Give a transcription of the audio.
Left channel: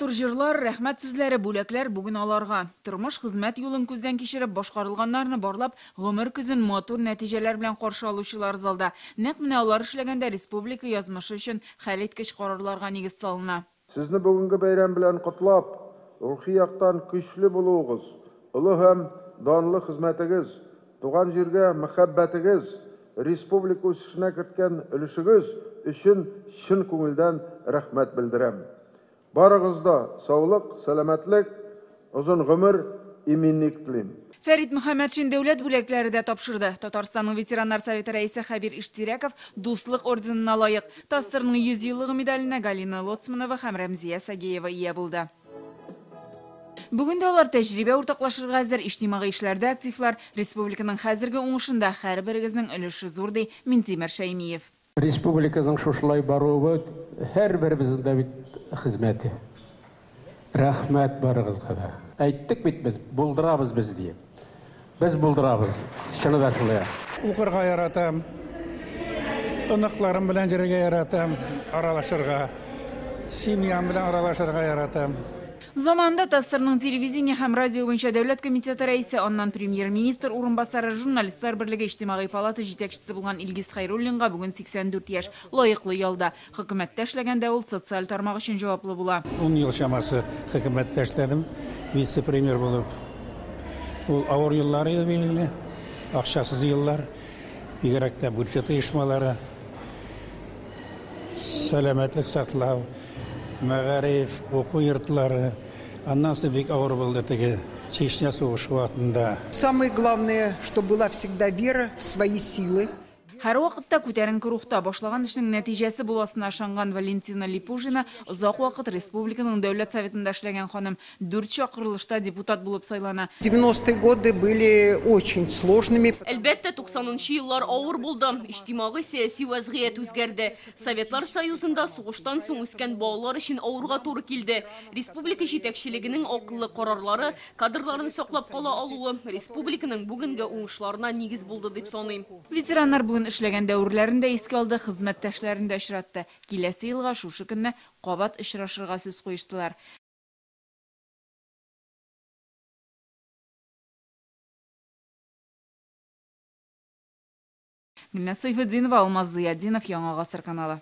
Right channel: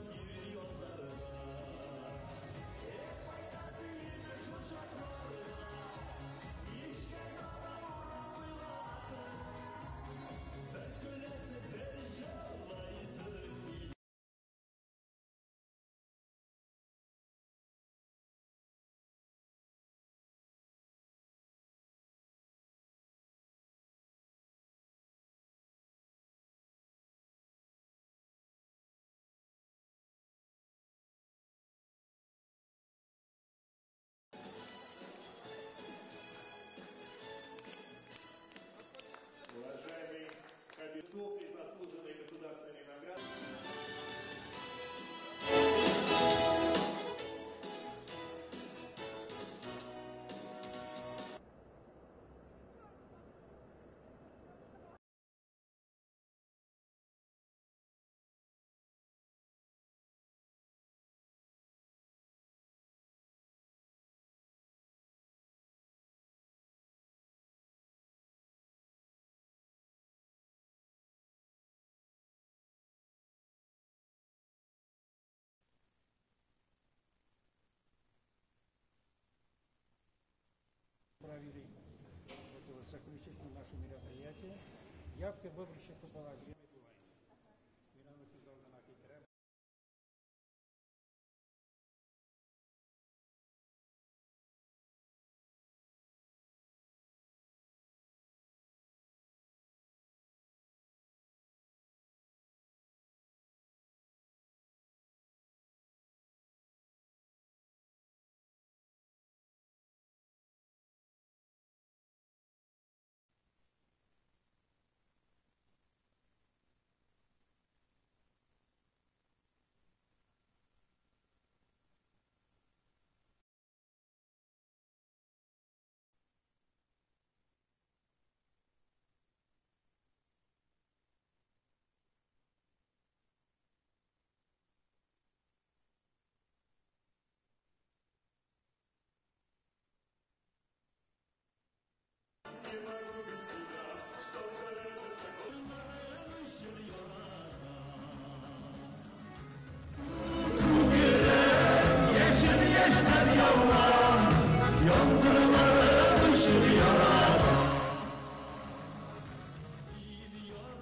матур җырлар, рәхмәт сүзләре, бүләкләр бүген аларга. Тормыш хезмәт юлын күздән кичереп, башкарылганнарны барлап, гомер күзен матур нәтиҗәләр белән каршы алучылар залда. Нәкъ менә алар эшләгәндә республика язмышы өчен хәлиткеч карарларга нигез салына. Сезне бүгенге бәйрәм белән котлап, рухи яктан көчле булуыгыз, улы һәм данлы хезмәтегез, туган җиргә мәхәббәтегез, республика үсешенә керткән өлешегез өчен чын күңелдән рәхмәт белдерәм. Барыгызда саулык, сәламәтлек, озын гомер, иминлек телим. Фәрит Мөхәммәтшин дәүләт бүләкләре дә тапшырды. Татарстанның ветераннар советы рәисе Хәбир Иштирәков дуслык орденына лаек. ТАССРның 100 еллыгы медаленә Галина Лоцманова һәм Рәмзия Сагеева ия булды. Бүген дә алар тәҗрибә уртаклашырга әзер, иҗтимагый эшләрдә активлар. Республиканың хәзерге уңышында һәрберегезнең өлеше зур ди Минтимер Шәймиев. Республиканың шушылай баруы һәрберебезнең дә бит хезмәте. Рәхмәт барыгызга да. Әйттек бит без, булдырабыз без дип. Без булдырабыз. Чынында шулай. Укырга яратам. Оныкларым белән җиргә яратам, аралашырга. Семьям белән аралашырга яратам. Заманда ТАССРның телевидение һәм радио буенча дәүләт комитеты рәисе, аннан премьер-министр урынбасары, журналистлар берлеге иҗтимагый палата җитәкчесе булган Илгиз Хәйруллинга бүген 84 яшь, лаеклы ялда. Хөкүмәттә эшләгәндә ул социаль тармак өчен җаваплы була. 10 ел чамасы хөкүмәттә эшләдем, вице-премьер булып. Ул авыр еллар иде билгеле, акчасыз еллар, бигрәк тә бюджет оешмалары, сәламәтлек саклау, мәгариф, уку йортлары, аннан соң бик авыр булды теге Чечня сугышы вакытында. Самое главное, что была всегда вера в свои силы. Һәр вакытта күтәренке рухта башлаган эшнең нәтиҗәсе буласына ышанган Валентина Липужина озак вакыт республиканың дәүләт советында эшләгән ханым 4 чакырылышта депутат булып сайлана. 90-е годы были очень сложными. Әлбәттә 90-нчы еллар авыр булды. Иҗтимагый сәяси вазгыять үзгәрде. Советлар Союзында сугыштан соң үскән балалар өчен авырга туры килде. Республика җитәкчелегенең акыллы карарлары, кадрларны саклап кала алуы республиканың бүгенге уңышларына нигез булды дип саныйм. Ветераннар бүген эшләгән дәврләрендә искә алды, хезмәттәшләрен дә очратты. Киләсе елга шушы көнне кабат очрашырга сүз куештылар. Мине Сайфетдинова, Алмаз Зыяддинов, Яңа Гасыр каналы.